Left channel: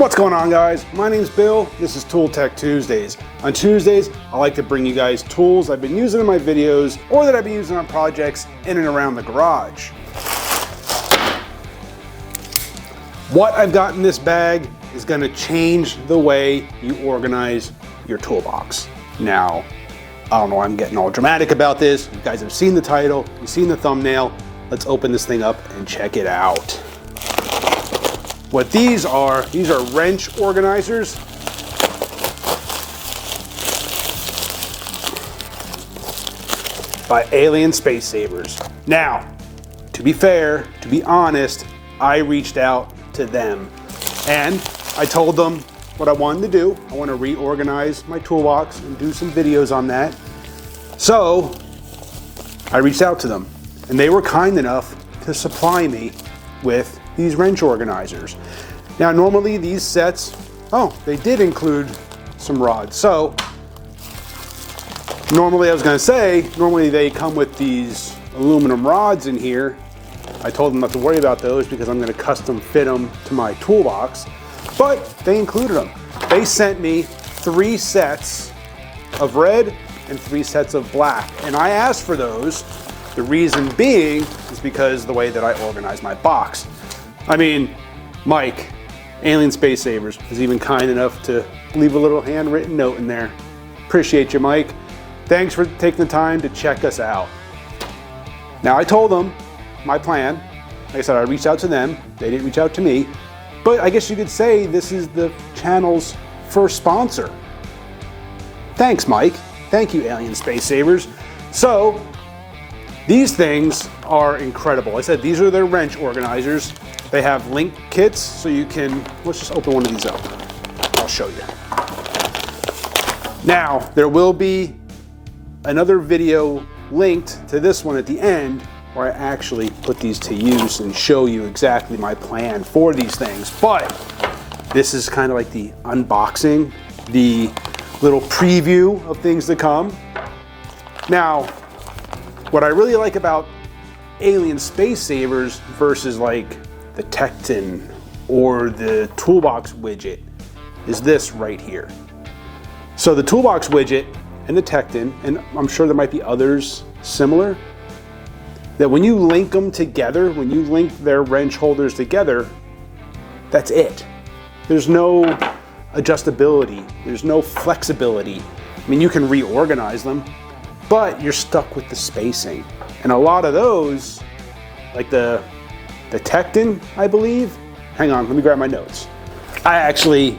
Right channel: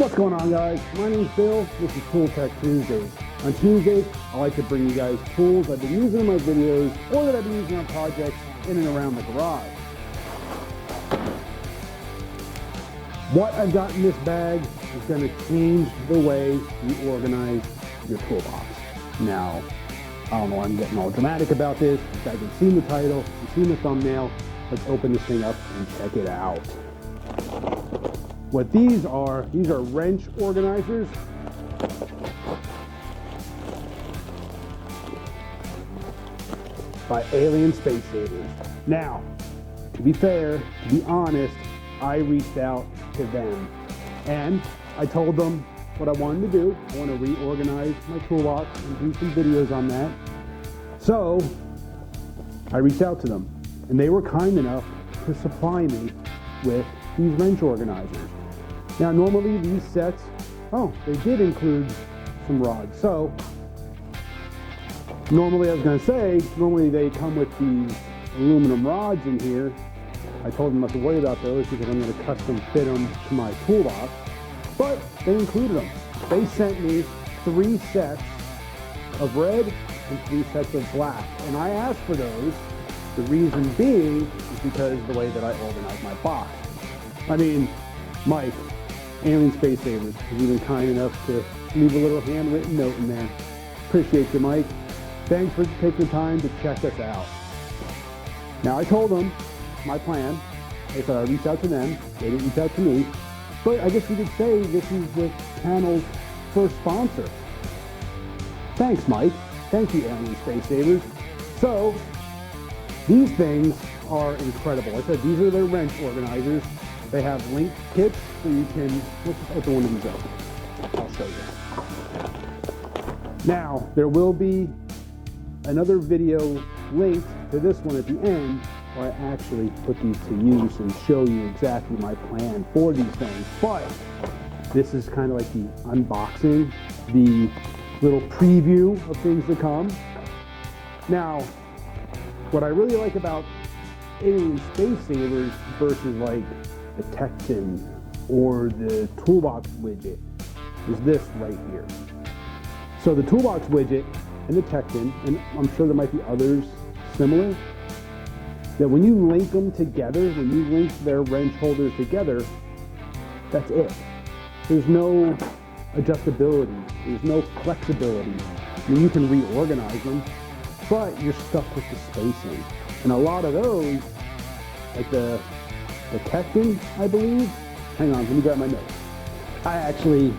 What's going on, guys? My name's Bill. This is Tool Tech Tuesdays. On Tuesdays, I like to bring you guys tools I've been using in my videos or that I've been using on projects in and around the garage. What I've got in this bag is going to change the way you organize your toolbox. Now, I don't know why I'm getting all dramatic about this. You guys have seen the title, you've seen the thumbnail. Let's open this thing up and check it out. What these are wrench organizers. By Alien Space Savers. Now, to be fair, to be honest, I reached out to them and I told them what I wanted to do. I want to reorganize my toolbox and do some videos on that. So I reached out to them and they were kind enough to supply me with these wrench organizers. Now normally these sets, they did include some rods. So normally they come with these aluminum rods in here. I told them not to worry about those because I'm going to custom fit them to my toolbox, but they included them. They sent me 3 sets of red and 3 sets of black, and I asked for those. The reason being is because the way that I organize my box. I mean, Mike, Alien Space Savers, was even kind enough to leave a little handwritten note in there. Appreciate you, Mike. Thanks for taking the time to check us out. Now, I told them my plan. Like I said, I reached out to them. They didn't reach out to me. But I guess you could say this is the channel's first sponsor. Thanks, Mike. Thank you, Alien Space Savers. So, these things are incredible. I said these are their wrench organizers. They have link kits, so you can, let's just open one of these up. I'll show you. Now, there will be another video linked to this one at the end where I actually put these to use and show you exactly my plan for these things. But this is kind of like the unboxing, the little preview of things to come. Now, what I really like about Alien Space Savers versus like the Tekton or the Toolbox Widget is this right here. So the Toolbox Widget and the Tekton, and I'm sure there might be others similar, that when you link them together, when you link their wrench holders together, that's it. There's no adjustability, there's no flexibility. I mean, you can reorganize them, but you're stuck with the spacing. And a lot of those, like the Tekton, I believe. Hang on, let me grab my notes. I actually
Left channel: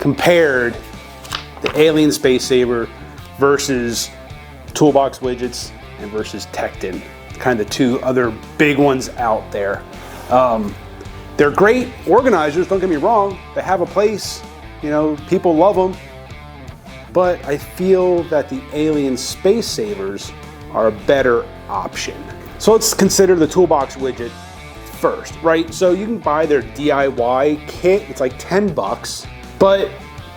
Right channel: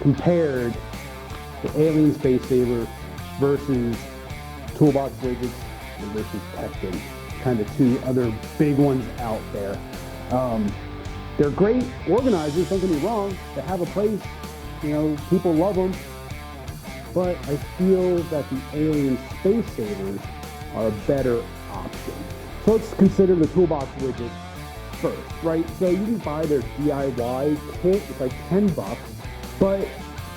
compared the Alien Space Saver versus Toolbox Widgets and versus Tekton. Kind of 2 other big ones out there. They're great organizers, don't get me wrong. They have a place, you know, people love them. But I feel that the Alien Space Savers are a better option. So let's consider the Toolbox Widget first, right? So you can buy their DIY kit, it's like 10 bucks, but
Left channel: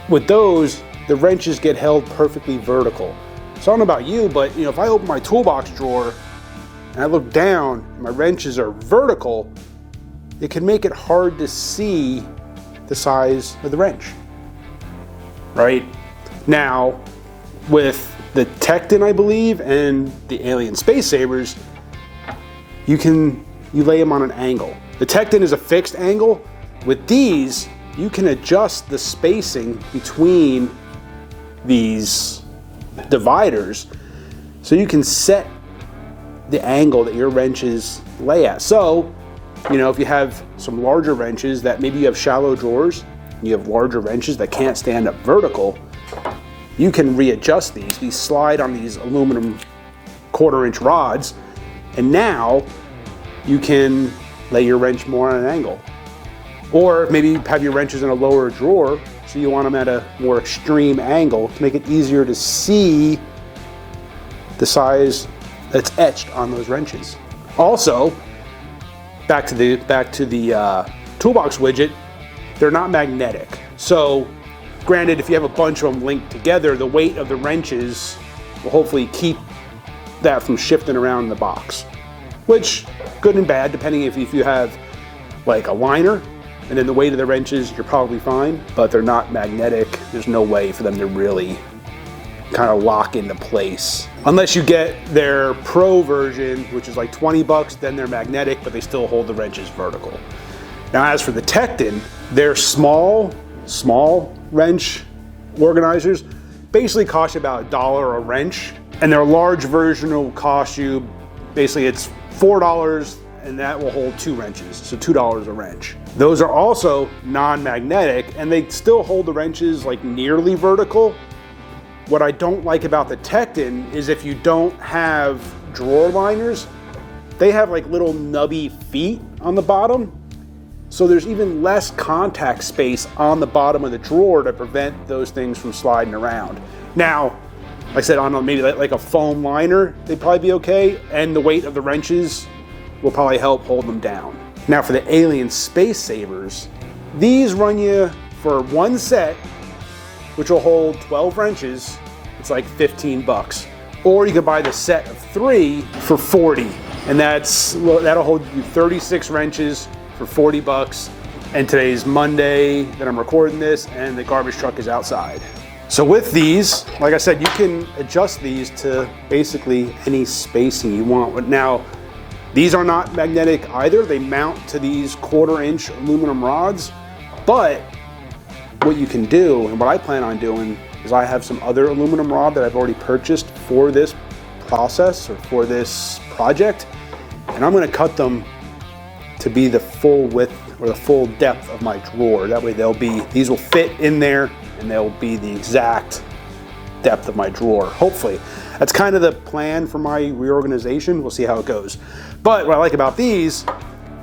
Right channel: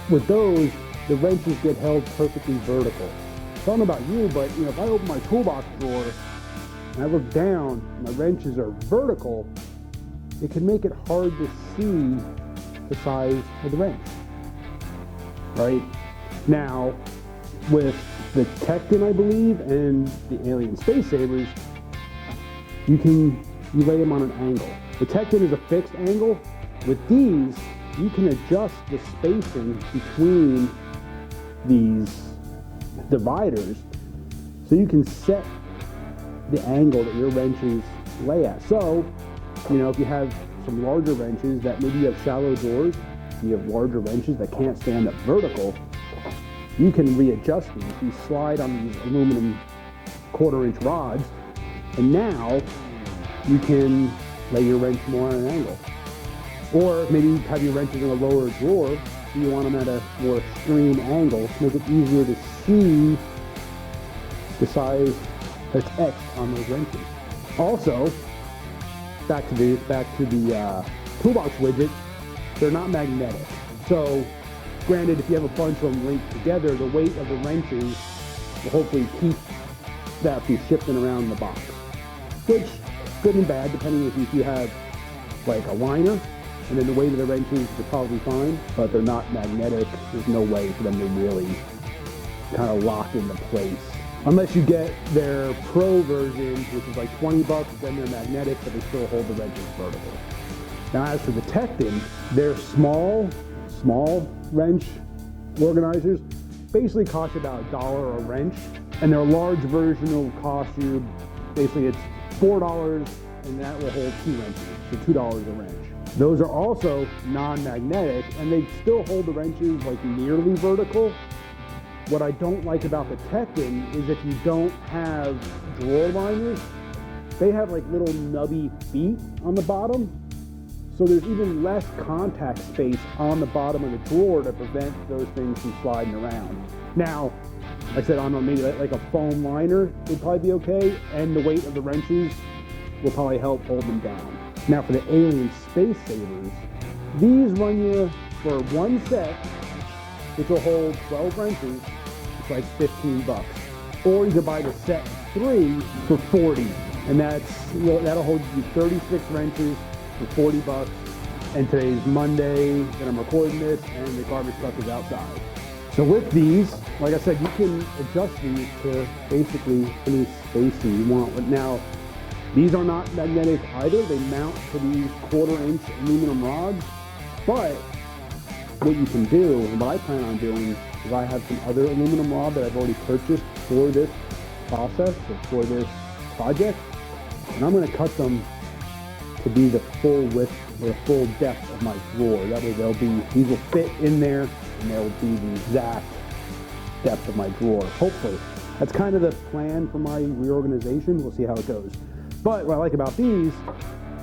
with those, the wrenches get held perfectly vertical. So I don't know about you, but you know, if I open my toolbox drawer and I look down, my wrenches are vertical, it can make it hard to see the size of the wrench, right? Now, with the Tekton, I believe, and the Alien Space Savers, you lay them on an angle. The Tekton is a fixed angle. With these, you can adjust the spacing between these dividers so you can set the angle that your wrenches lay at. So, you know, if you have some larger wrenches that maybe you have shallow drawers, and you have larger wrenches that can't stand up vertical, you can readjust these. These slide on these aluminum 1/4-inch rods, and now you can lay your wrench more on an angle. Or maybe you have your wrenches in a lower drawer, so you want them at a more extreme angle to make it easier to see the size that's etched on those wrenches. Also, back to the Toolbox Widget, they're not magnetic. So granted, if you have a bunch of them linked together, the weight of the wrenches will hopefully keep that from shifting around in the box, which good and bad, depending if you have like a liner and then the weight of the wrenches, you're probably fine, but they're not magnetic. There's no way for them to really kind of lock into place. Unless you get their pro version, which is like 20 bucks, then they're magnetic, but they still hold the wrenches vertical. Now, as for the Tekton, they're small wrench organizers. Basically cost you about $1 a wrench, and their large version will cost you, basically it's $4, and that will hold 2 wrenches, so $2 a wrench. Those are also non-magnetic, and they still hold the wrenches like nearly vertical. What I don't like about the Tekton is if you don't have drawer liners, they have like little nubby feet on the bottom. So there's even less contact space on the bottom of the drawer to prevent those things from sliding around. Now, like I said, on maybe like a foam liner, they'd probably be okay, and the weight of the wrenches will probably help hold them down. Now for the Alien Space Savers, these run you for one set, which will hold 12 wrenches, it's like 15 bucks. Or you can buy the set of 3 for 40, and that'll hold you 36 wrenches for 40 bucks. And today's Monday that I'm recording this, and the garbage truck is outside. So with these, like I said, you can adjust these to basically any spacing you want. Now, these are not magnetic either. They mount to these 1/4-inch aluminum rods, but what you can do, and what I plan on doing, is I have some other aluminum rod that I've already purchased for this process or for this project, and I'm gonna cut them to be the full width or the full depth of my drawer. That way these will fit in there and they'll be the exact depth of my drawer, hopefully. That's kind of the plan for my reorganization. We'll see how it goes. But what I like about these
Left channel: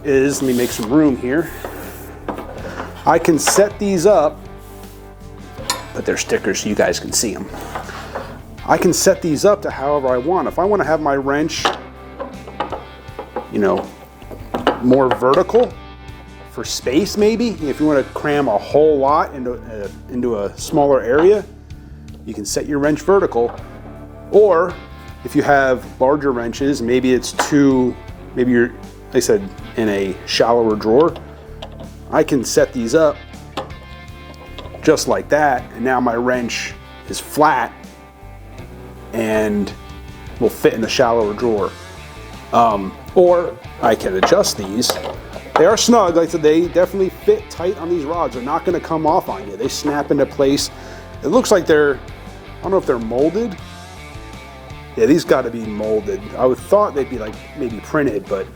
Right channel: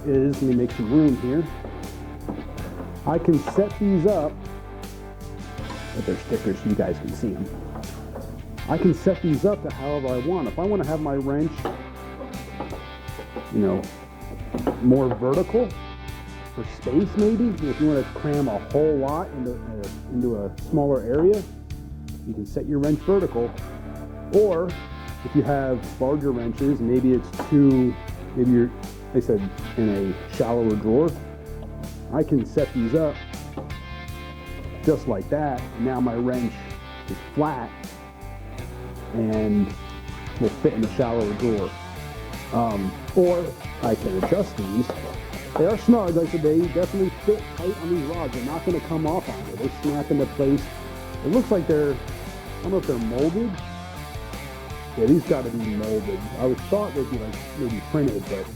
is, let me make some room here. I can set these up, put their stickers so you guys can see them. I can set these up to however I want. If I want to have my wrench, you know, more vertical for space maybe, if you want to cram a whole lot into a smaller area, you can set your wrench vertical. Or if you have larger wrenches, maybe you're, like I said, in a shallower drawer, I can set these up just like that, and now my wrench is flat and will fit in the shallower drawer. Or I can adjust these. They are snug, like I said, they definitely fit tight on these rods. They're not gonna come off on you. They snap into place. It looks like I don't know if they're molded. Yeah, these gotta be molded. I would thought they'd be like maybe printed, but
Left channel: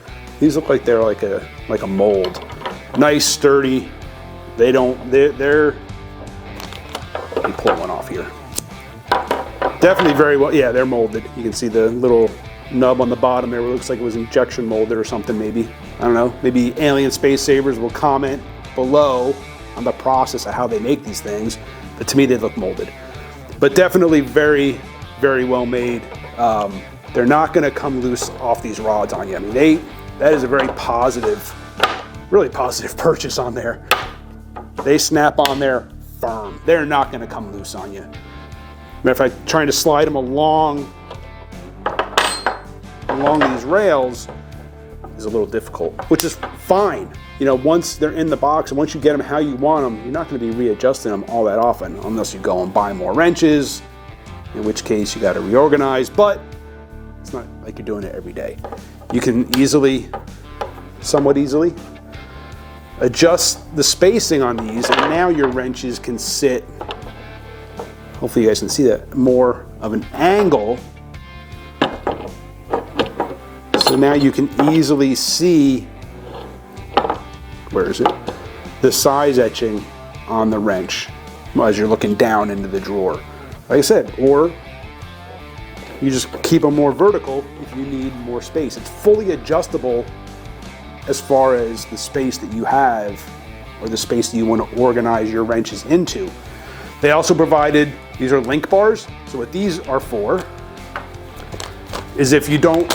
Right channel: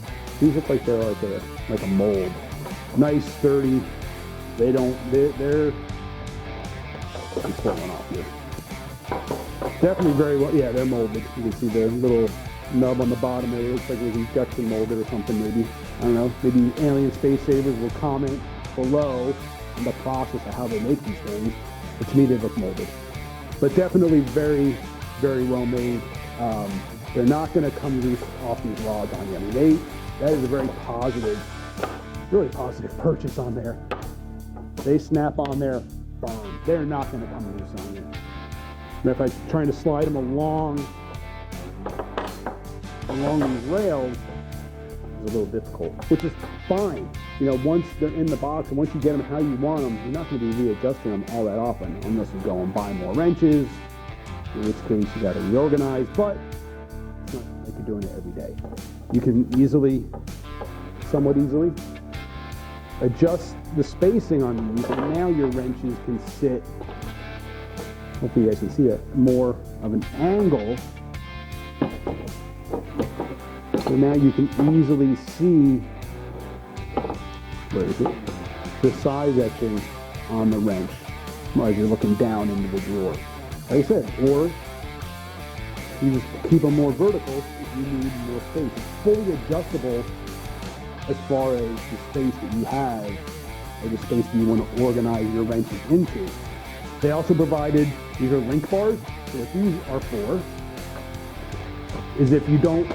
these look like they're like a mold. Nice, sturdy. They're, let me pull one off here. Definitely very well, yeah, they're molded. You can see the little nub on the bottom there. It looks like it was injection molded or something maybe. I don't know, maybe Alien Space Savers will comment below on the process of how they make these things, but to me they look molded. But definitely very, very well made. They're not gonna come loose off these rods on you. I mean, that is a very positive, really positive purchase on there. They snap on there firm. They're not gonna come loose on you. Matter of fact, trying to slide them along these rails is a little difficult, which is fine. You know, once they're in the box and once you get them how you want them, you're not gonna be readjusting them all that often unless you go and buy more wrenches, in which case you gotta reorganize, but it's not like you're doing it every day. You can somewhat easily, adjust the spacing on these, and now your wrenches can sit, hopefully you guys can see that, more of an angle. So now you can easily see, where is it? The size etching on the wrench as you're looking down into the drawer. Like I said, or you just keep them more vertical if you need more space. It's fully adjustable as far as the space that you have or the space that you want to organize your wrenches into. They also provided, these are link bars. So what these are for is if you don't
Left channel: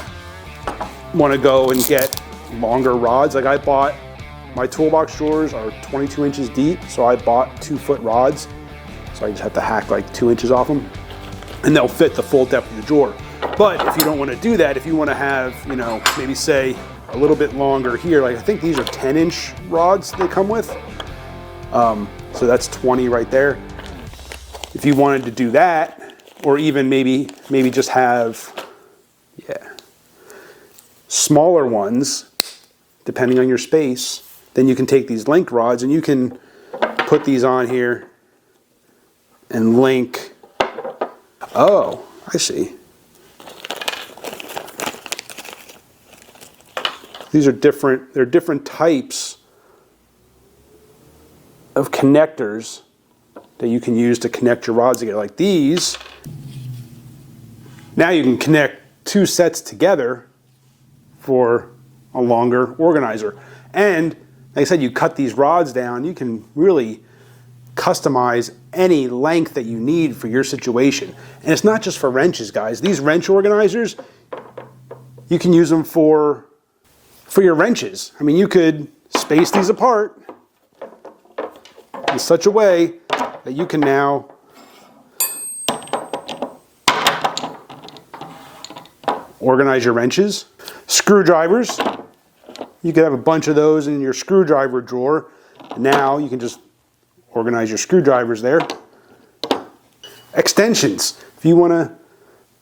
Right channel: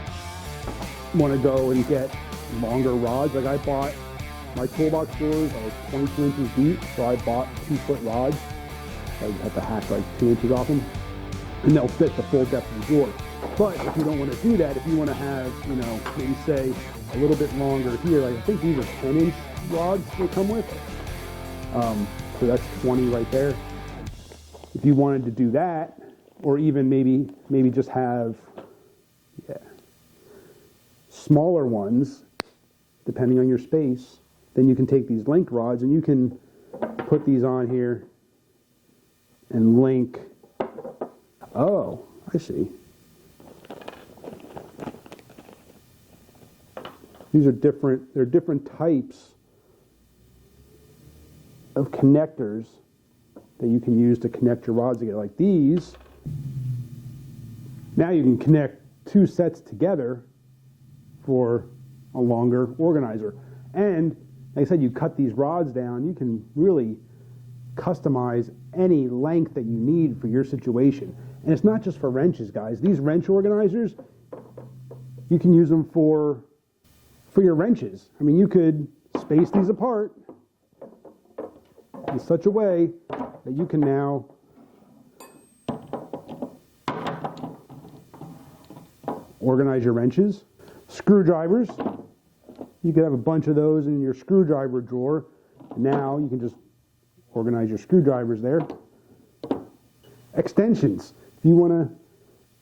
want to go and get longer rods, like I bought, my toolbox drawers are 22 inches deep, so I bought 2-foot rods. So I just have to hack like 2 inches off them, and they'll fit the full depth of the drawer. But if you don't want to do that, if you want to have, you know, maybe say a little bit longer here. Like I think these are 10-inch rods they come with. So that's 20 right there. If you wanted to do that, or even maybe just have, smaller ones, depending on your space, then you can take these link rods and you can put these on here and link. Oh, I see. These are different, they're different types of connectors that you can use to connect your rods together. Like these, now you can connect two sets together for a longer organizer. And like I said, you cut these rods down, you can really customize any length that you need for your situation. And it's not just for wrenches, guys. These wrench organizers, you can use them for your wrenches. I mean, you could space these apart in such a way that you can now organize your wrenches. Screwdrivers, you could have a bunch of those in your screwdriver drawer. Now you can just organize your screwdrivers there. Extensions, if you want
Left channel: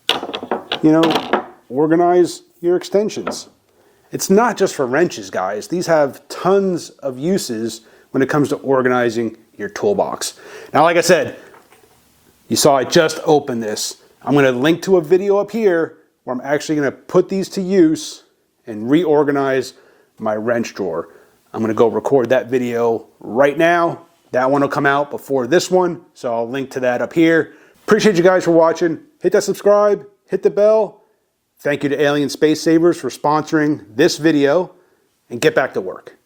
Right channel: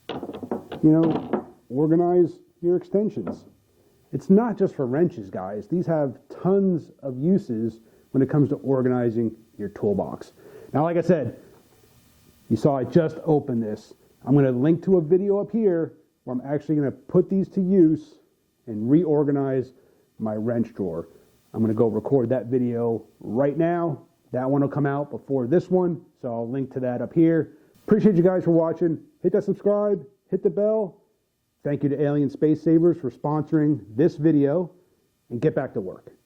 to, organize your extensions. It's not just for wrenches, guys. These have tons of uses when it comes to organizing your toolbox. Now, like I said, you saw I just opened this. I'm going to link to a video up here where I'm actually going to put these to use and reorganize my wrench drawer. I'm going to go record that video right now. That one will come out before this one, so I'll link to that up here. Appreciate you guys for watching. Hit that subscribe, hit the bell. Thank you to Alien Space Savers for sponsoring this video, and get back to work.